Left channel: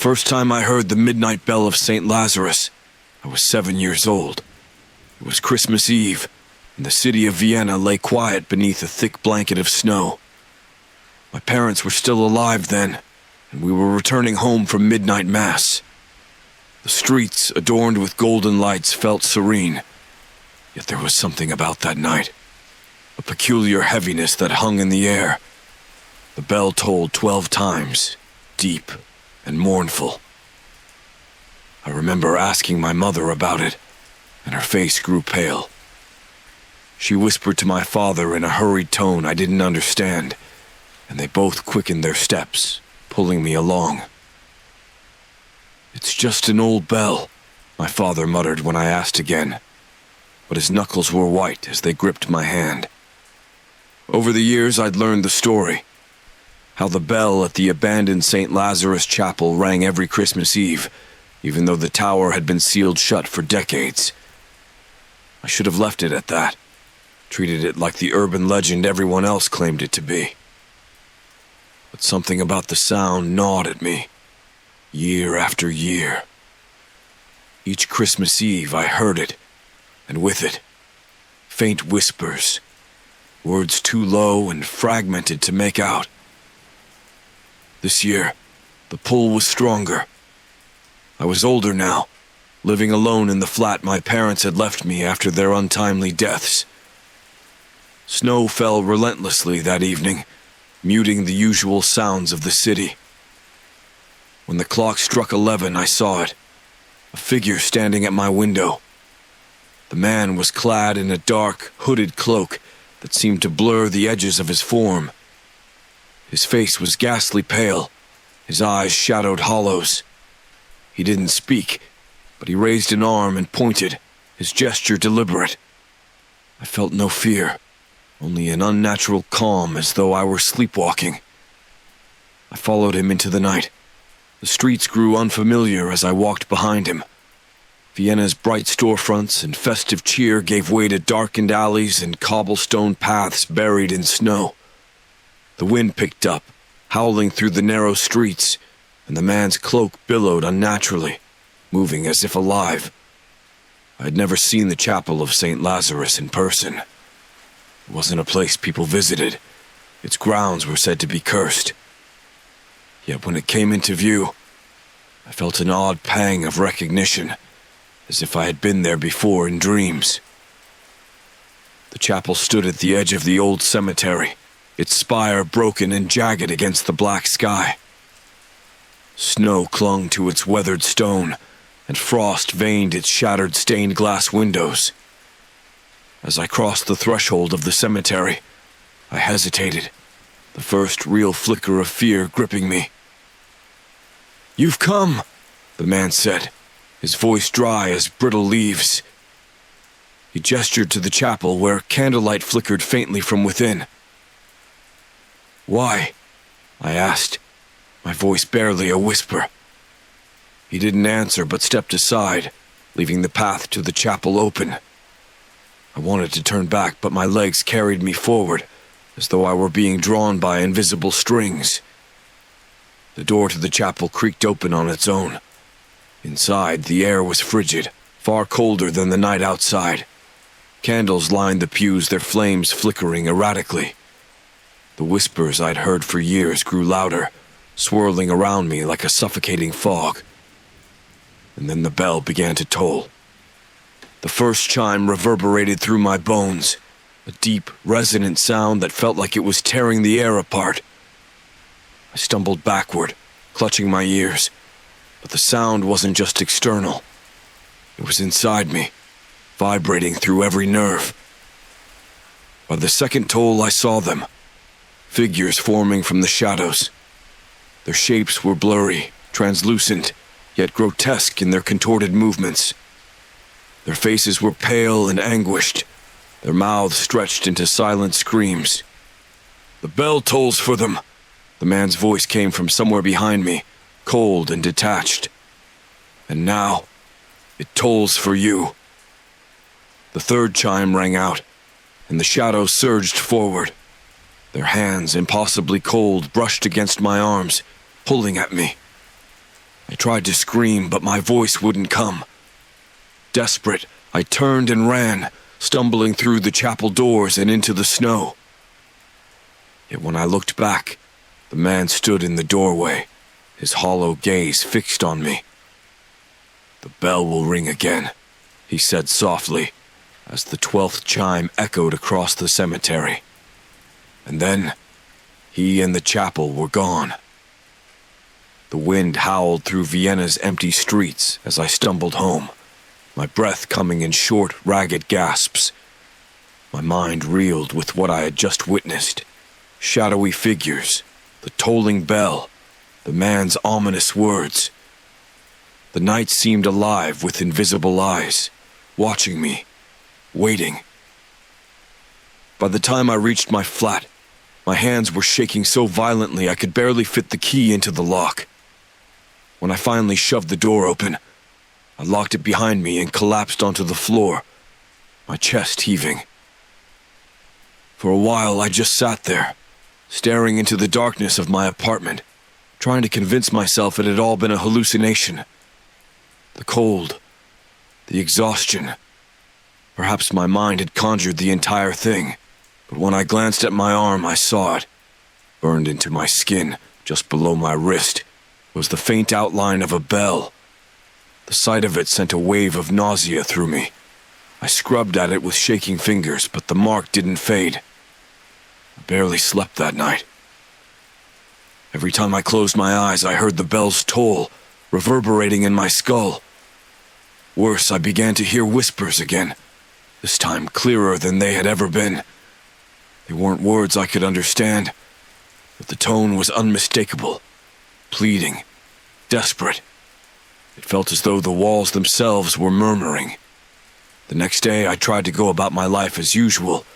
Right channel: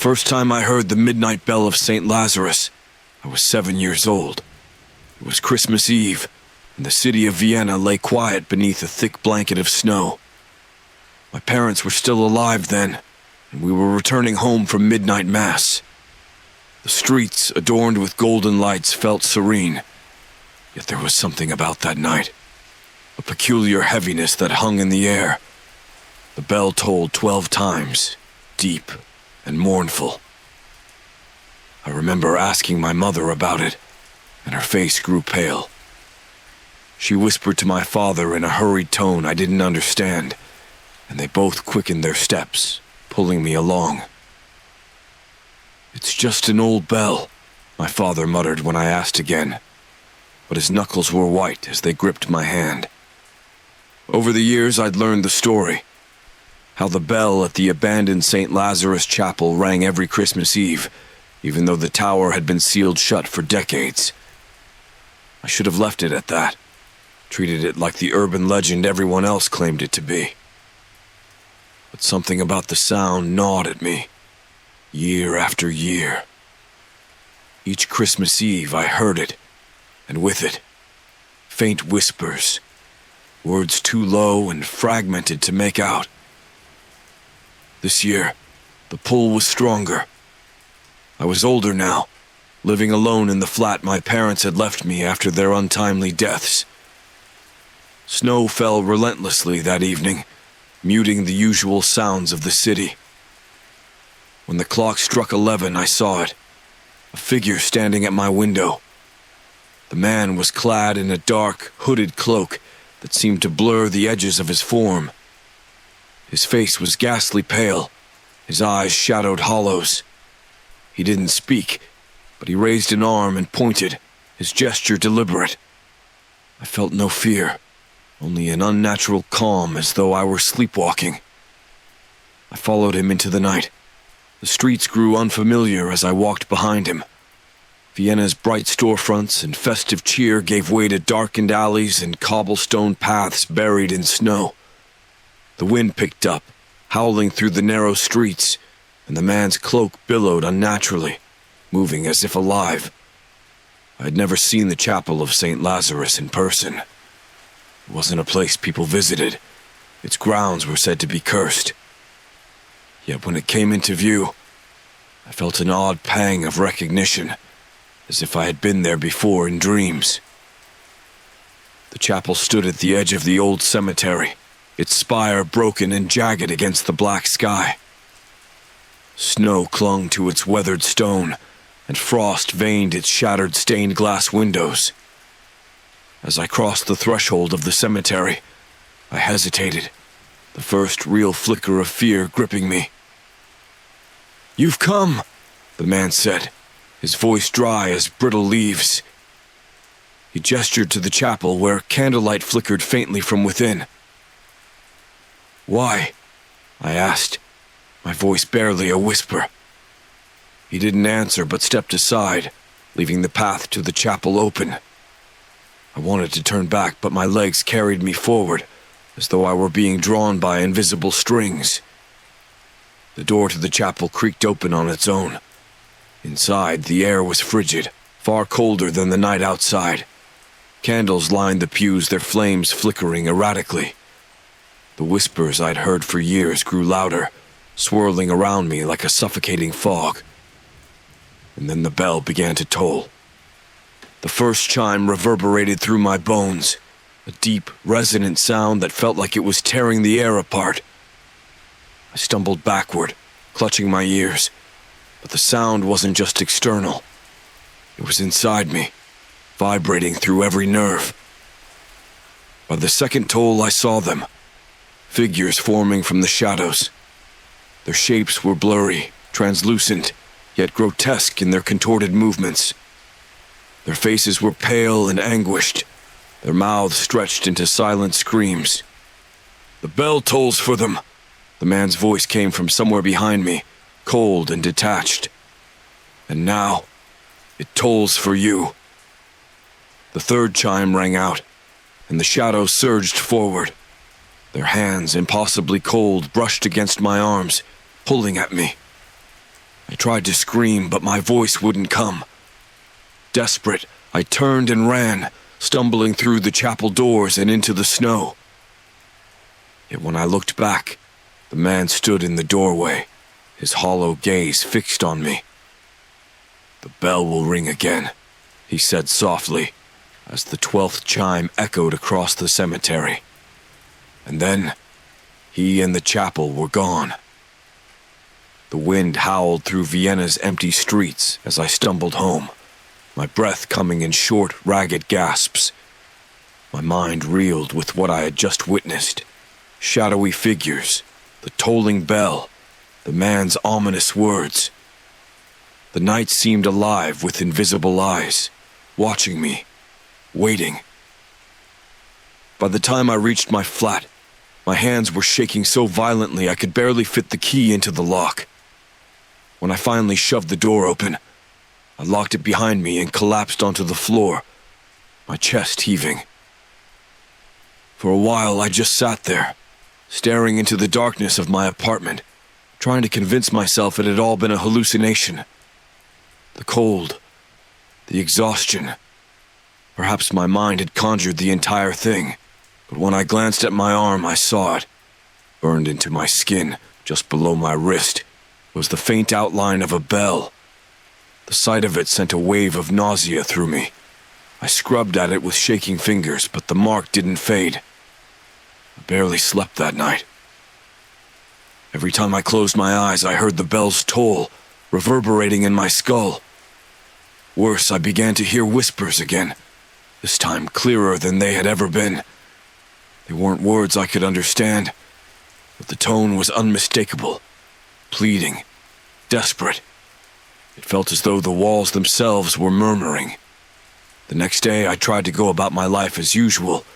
first time I heard the midnight bell of St. Lazarus, I was 7 years old. It was Christmas Eve, and the city of Vienna lay quiet beneath a thick blanket of snow. My parents were still alive then, and we were returning home from midnight mass. The streets, adorned with golden lights, felt serene, yet there was something about that night, a peculiar heaviness that hung in the air. The bell tolled 12 times, deep and mournful. I remember asking my mother about it, and her face grew pale. She whispered to my father in a hurried tone I didn't understand, and they both quickened their steps, pulling me along. "It's just an old bell," my father muttered when I asked again, but his knuckles were white as they gripped my hand. Over the years I'd learned the story, how the bell at the abandoned St. Lazarus Chapel rang every Christmas Eve, even though the tower had been sealed shut for decades. I should have left it at that, treated it like the urban legend everyone else claimed it to be. But something about the sound gnawed at me, year after year. Each Christmas Eve I heard it, and with it, faint whispers, words too low and fragmented to make out. This year, the pull was stronger. I was older now, living alone in the flat my parents had left me after their untimely deaths. Snow fell relentlessly that evening, muting the usual sounds of the city. When the clock struck 11, I saw it, a figure standing at my window. The man was clad in a dark, hooded cloak that seemed to blur the edges of his form. His face was ghastly pale, his eyes shadowed hollows. He didn't speak, but he raised an arm and pointed, his gesture deliberate. I felt no fear, only an unnatural calm as though I were sleepwalking. I followed him into the night. The streets grew unfamiliar as I walked behind him. Vienna's bright storefronts and festive cheer gave way to darkened alleys and cobblestone paths buried in snow. The wind picked up, howling through the narrow streets, and the man's cloak billowed unnaturally, moving as if alive. I had never seen the chapel of St. Lazarus in person. It wasn't a place people visited. Its grounds were said to be cursed. Yet when it came into view, I felt an odd pang of recognition, as if I had been there before in dreams. The chapel stood at the edge of the old cemetery, its spire broken and jagged against the black sky. Snow clung to its weathered stone, and frost veined its shattered stained glass windows. As I crossed the threshold of the cemetery, I hesitated, the first real flicker of fear gripping me. "You've come," the man said, his voice dry as brittle leaves. He gestured to the chapel where candlelight flickered faintly from within. "Why?" I asked, my voice barely a whisper. He didn't answer but stepped aside, leaving the path to the chapel open. I wanted to turn back, but my legs carried me forward, as though I were being drawn by invisible strings. The door to the chapel creaked open on its own. Inside, the air was frigid, far colder than the night outside. Candles lined the pews, their flames flickering erratically. The whispers I'd heard for years grew louder, swirling around me like a suffocating fog. And then the bell began to toll. The first chime reverberated through my bones, a deep, resonant sound that felt like it was tearing the air apart. I stumbled backward, clutching my ears, but the sound wasn't just external. It was inside me, vibrating through every nerve. By the second toll, I saw them, figures forming from the shadows. Their shapes were blurry, translucent, yet grotesque in their contorted movements. Their faces were pale and anguished, their mouths stretched into silent screams. "The bell tolls for them," the man's voice came from somewhere behind me, cold and detached. "And now, it tolls for you." The third chime rang out, and the shadows surged forward. Their hands, impossibly cold, brushed against my arms, pulling at me. I tried to scream, but my voice wouldn't come. Desperate, I turned and ran, stumbling through the chapel doors and into the snow. Yet when I looked back, the man stood in the doorway, his hollow gaze fixed on me. "The bell will ring again," he said softly, as the 12th chime echoed across the cemetery. And then, he and the chapel were gone. The wind howled through Vienna's empty streets as I stumbled home, my breath coming in short, ragged gasps. My mind reeled with what I had just witnessed. Shadowy figures, the tolling bell, the man's ominous words. The night seemed alive with invisible eyes, watching me, waiting. By the time I reached my flat, my hands were shaking so violently I could barely fit the key into the lock. When I finally shoved the door open, I locked it behind me and collapsed onto the floor, my chest heaving. For a while I just sat there, staring into the darkness of my apartment, trying to convince myself it had all been a hallucination. The cold, the exhaustion. Perhaps my mind had conjured the entire thing, but when I glanced at my arm, I saw it. Burned into my skin, just below my wrist, was the faint outline of a bell. The sight of it sent a wave of nausea through me. I scrubbed at it with shaking fingers, but the mark didn't fade. I barely slept that night. Every time I closed my eyes, I heard the bell's toll, reverberating in my skull. Worse, I began to hear whispers again, this time clearer than they had ever been. They weren't words I could understand, but the tone was unmistakable, pleading, desperate. It felt as though the walls themselves were murmuring. The next day, I tried to go about my life as usual,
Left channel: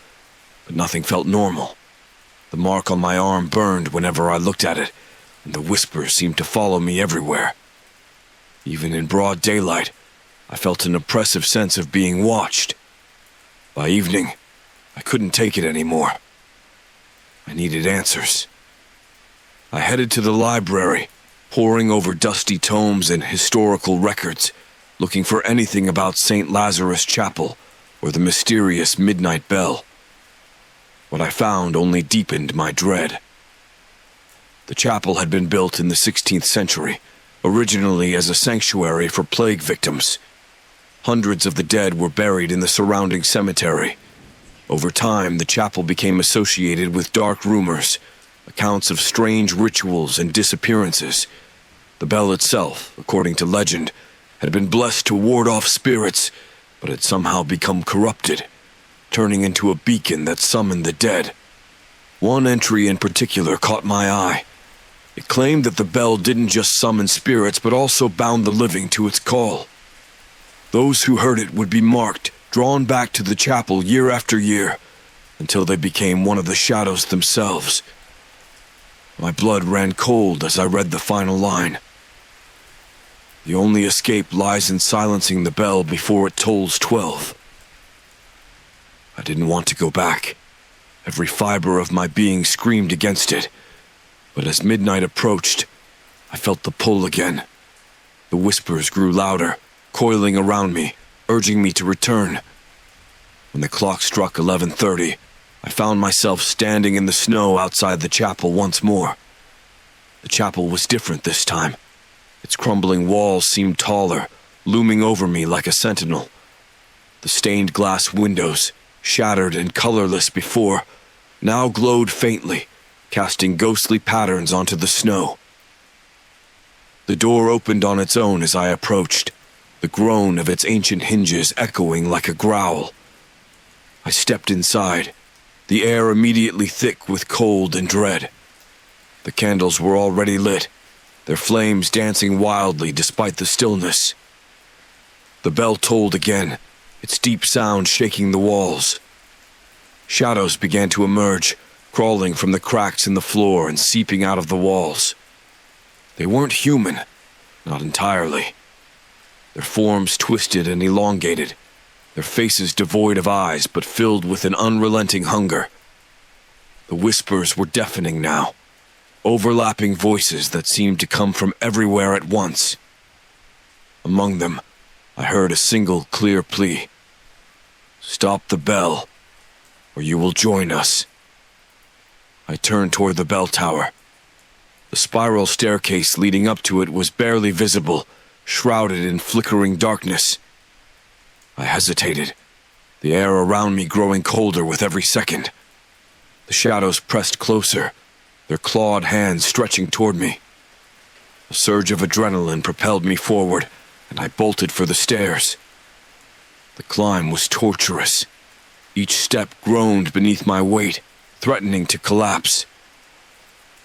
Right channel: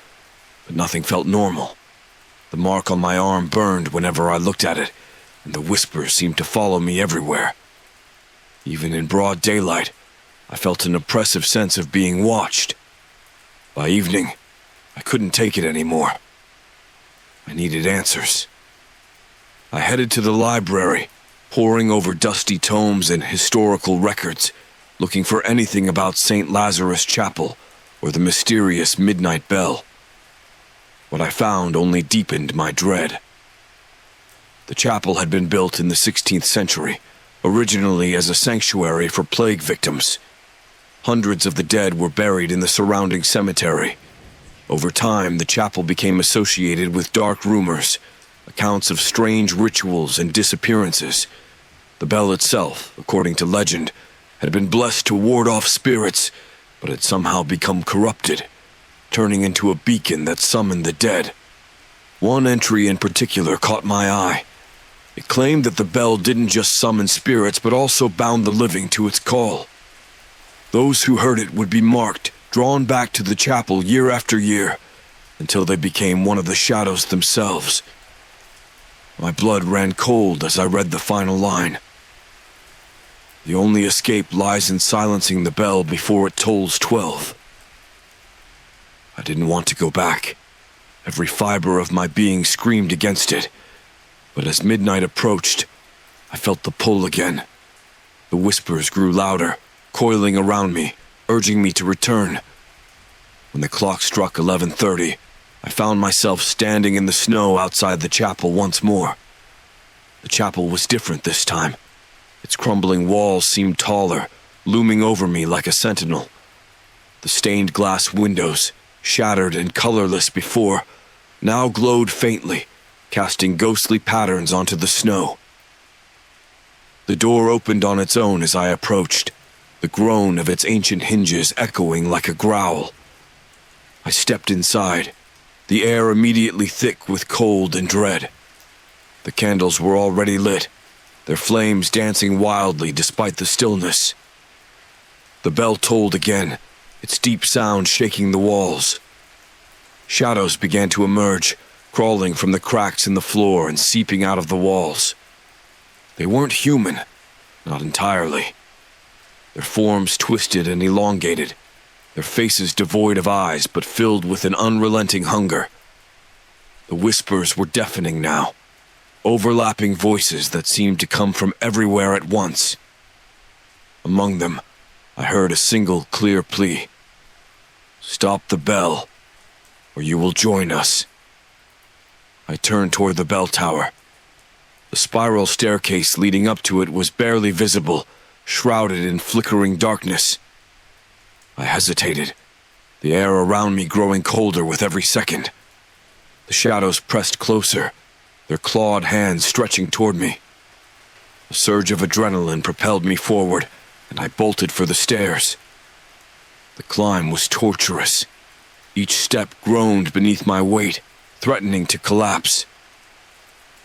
but nothing felt normal. The mark on my arm burned whenever I looked at it, and the whispers seemed to follow me everywhere. Even in broad daylight, I felt an oppressive sense of being watched. By evening, I couldn't take it anymore. I needed answers. I headed to the library, poring over dusty tomes and historical records, looking for anything about St. Lazarus Chapel or the mysterious midnight bell. What I found only deepened my dread. The chapel had been built in the 16th century, originally as a sanctuary for plague victims. Hundreds of the dead were buried in the surrounding cemetery. Over time, the chapel became associated with dark rumors, accounts of strange rituals and disappearances. The bell itself, according to legend, had been blessed to ward off spirits, but had somehow become corrupted, turning into a beacon that summoned the dead. One entry in particular caught my eye. It claimed that the bell didn't just summon spirits, but also bound the living to its call. Those who heard it would be marked, drawn back to the chapel year after year, until they became one of the shadows themselves. My blood ran cold as I read the final line. The only escape lies in silencing the bell before it tolls 12. I didn't want to go back. Every fiber of my being screamed against it. But as midnight approached, I felt the pull again. The whispers grew louder, coiling around me, urging me to return. When the clock struck 11:30, I found myself standing in the snow outside the chapel once more. The chapel was different this time. Its crumbling walls seemed taller, looming over me like a sentinel. The stained glass windows, shattered and colorless before, now glowed faintly, casting ghostly patterns onto the snow. The door opened on its own as I approached, the groan of its ancient hinges echoing like a growl. I stepped inside, the air immediately thick with cold and dread. The candles were already lit, their flames dancing wildly despite the stillness. The bell tolled again, its deep sound shaking the walls. Shadows began to emerge, crawling from the cracks in the floor and seeping out of the walls. They weren't human, not entirely. Their forms twisted and elongated, their faces devoid of eyes but filled with an unrelenting hunger. The whispers were deafening now, overlapping voices that seemed to come from everywhere at once. Among them, I heard a single clear plea. "Stop the bell, or you will join us." I turned toward the bell tower. The spiral staircase leading up to it was barely visible, shrouded in flickering darkness. I hesitated, the air around me growing colder with every second. The shadows pressed closer, their clawed hands stretching toward me. A surge of adrenaline propelled me forward, and I bolted for the stairs. The climb was torturous. Each step groaned beneath my weight, threatening to collapse.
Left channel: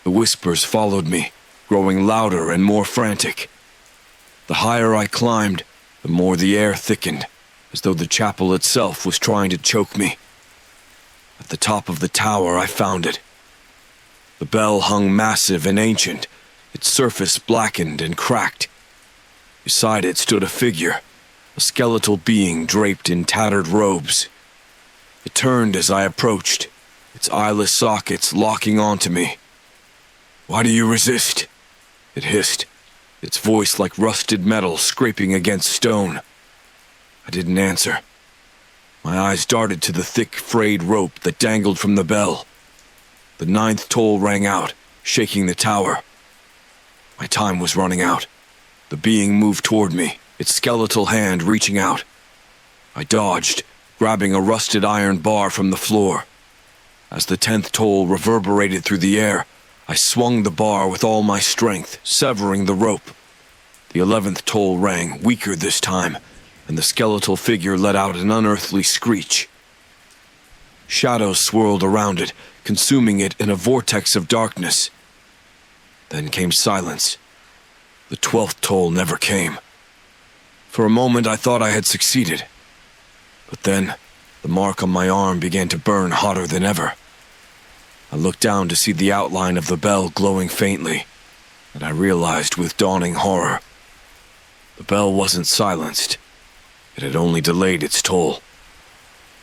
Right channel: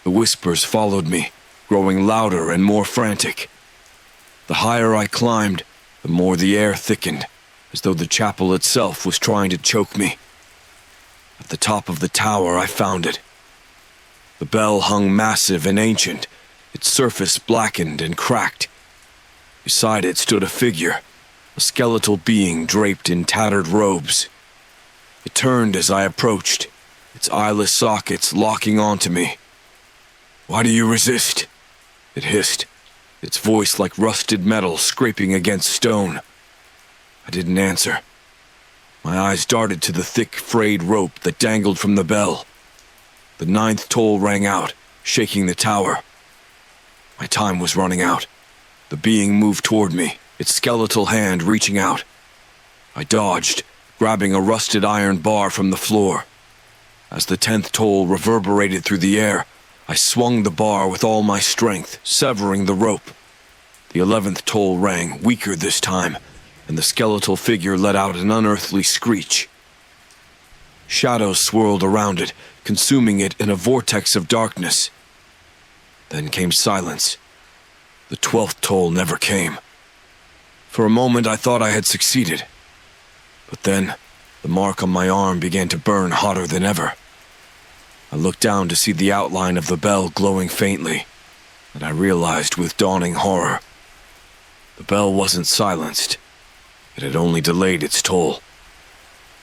The whispers followed me, growing louder and more frantic. The higher I climbed, the more the air thickened, as though the chapel itself was trying to choke me. At the top of the tower, I found it. The bell hung massive and ancient, its surface blackened and cracked. Beside it stood a figure, a skeletal being draped in tattered robes. It turned as I approached, its eyeless sockets locking onto me. "Why do you resist?" it hissed, its voice like rusted metal scraping against stone. I didn't answer. My eyes darted to the thick, frayed rope that dangled from the bell. The 9th toll rang out, shaking the tower. My time was running out. The being moved toward me, its skeletal hand reaching out. I dodged, grabbing a rusted iron bar from the floor. As the 10th toll reverberated through the air, I swung the bar with all my strength, severing the rope. The 11th toll rang, weaker this time, and the skeletal figure let out an unearthly screech. Shadows swirled around it, consuming it in a vortex of darkness. Then came silence. The 12th toll never came. For a moment I thought I had succeeded. But then, the mark on my arm began to burn hotter than ever. I looked down to see the outline of the bell glowing faintly, and I realized with dawning horror. The bell wasn't silenced. It had only delayed its toll.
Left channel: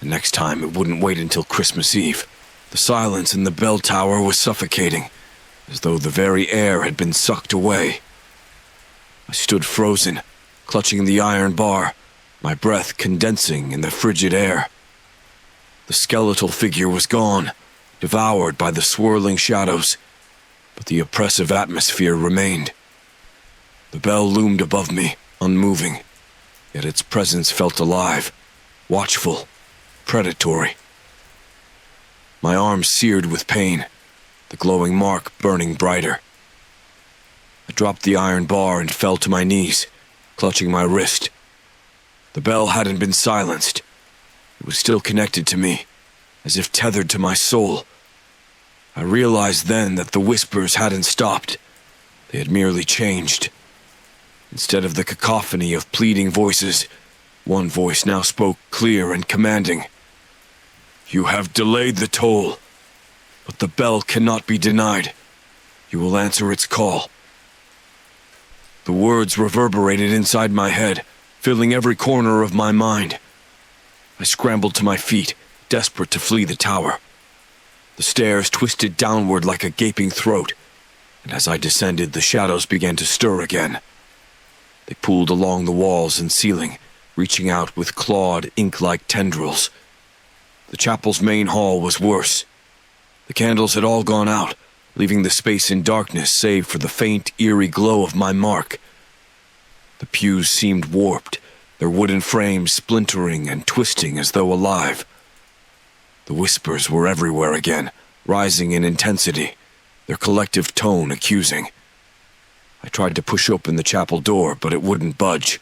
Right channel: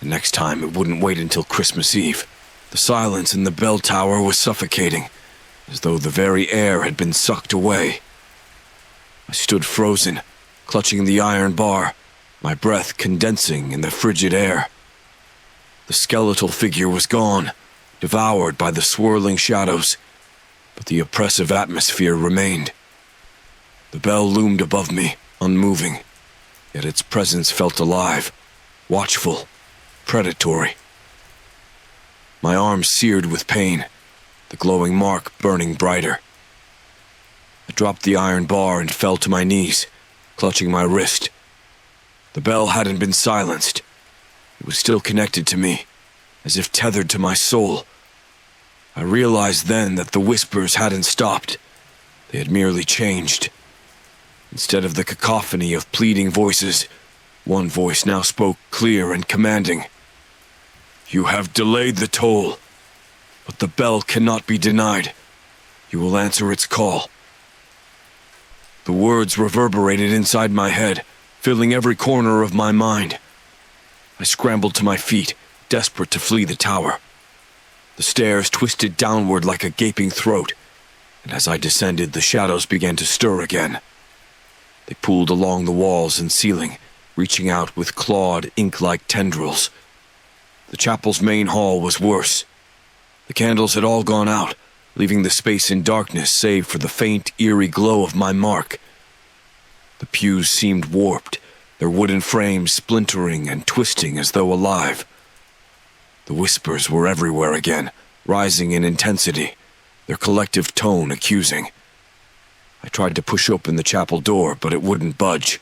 And next time it wouldn't wait until Christmas Eve. The silence in the bell tower was suffocating, as though the very air had been sucked away. I stood frozen, clutching the iron bar, my breath condensing in the frigid air. The skeletal figure was gone, devoured by the swirling shadows, but the oppressive atmosphere remained. The bell loomed above me, unmoving, yet its presence felt alive, watchful, predatory. My arm seared with pain, the glowing mark burning brighter. I dropped the iron bar and fell to my knees, clutching my wrist. The bell hadn't been silenced. It was still connected to me, as if tethered to my soul. I realized then that the whispers hadn't stopped. They had merely changed. Instead of the cacophony of pleading voices, one voice now spoke clear and commanding. "You have delayed the toll, but the bell cannot be denied. You will answer its call." The words reverberated inside my head, filling every corner of my mind. I scrambled to my feet, desperate to flee the tower. The stairs twisted downward like a gaping throat, and as I descended, the shadows began to stir again. They pooled along the walls and ceiling, reaching out with clawed, ink-like tendrils. The chapel's main hall was worse. The candles had all gone out, leaving the space in darkness save for the faint, eerie glow of my mark. The pews seemed warped, their wooden frames splintering and twisting as though alive. The whispers were everywhere again, rising in intensity, their collective tone accusing. I tried to push open the chapel door, but it wouldn't budge.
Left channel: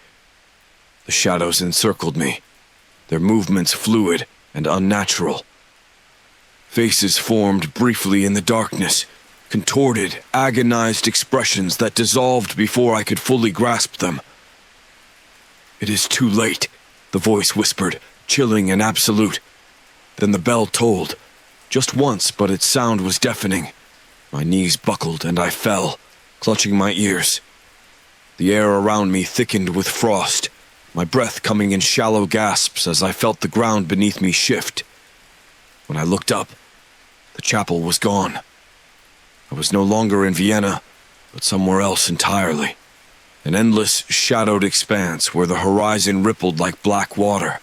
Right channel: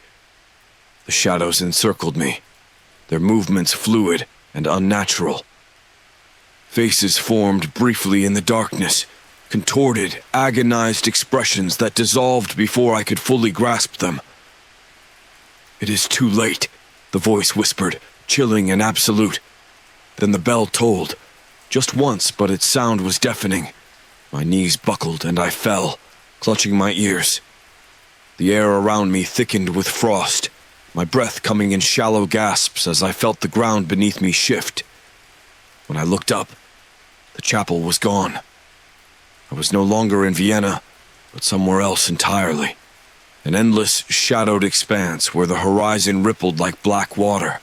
The shadows encircled me, their movements fluid and unnatural. Faces formed briefly in the darkness, contorted, agonized expressions that dissolved before I could fully grasp them. "It is too late," the voice whispered, chilling and absolute. Then the bell tolled. Just once, but its sound was deafening. My knees buckled and I fell, clutching my ears. The air around me thickened with frost, my breath coming in shallow gasps as I felt the ground beneath me shift. When I looked up, the chapel was gone. I was no longer in Vienna, but somewhere else entirely. An endless, shadowed expanse where the horizon rippled like black water.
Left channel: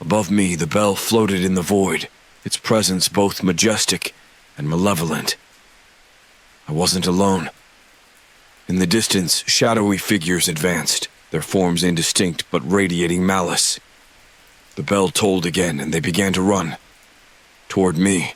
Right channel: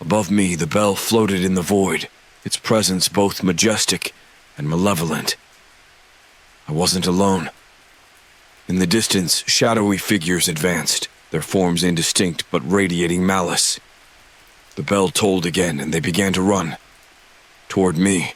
Above me, the bell floated in the void, its presence both majestic and malevolent. I wasn't alone. In the distance, shadowy figures advanced, their forms indistinct but radiating malice. The bell tolled again, and they began to run. Toward me.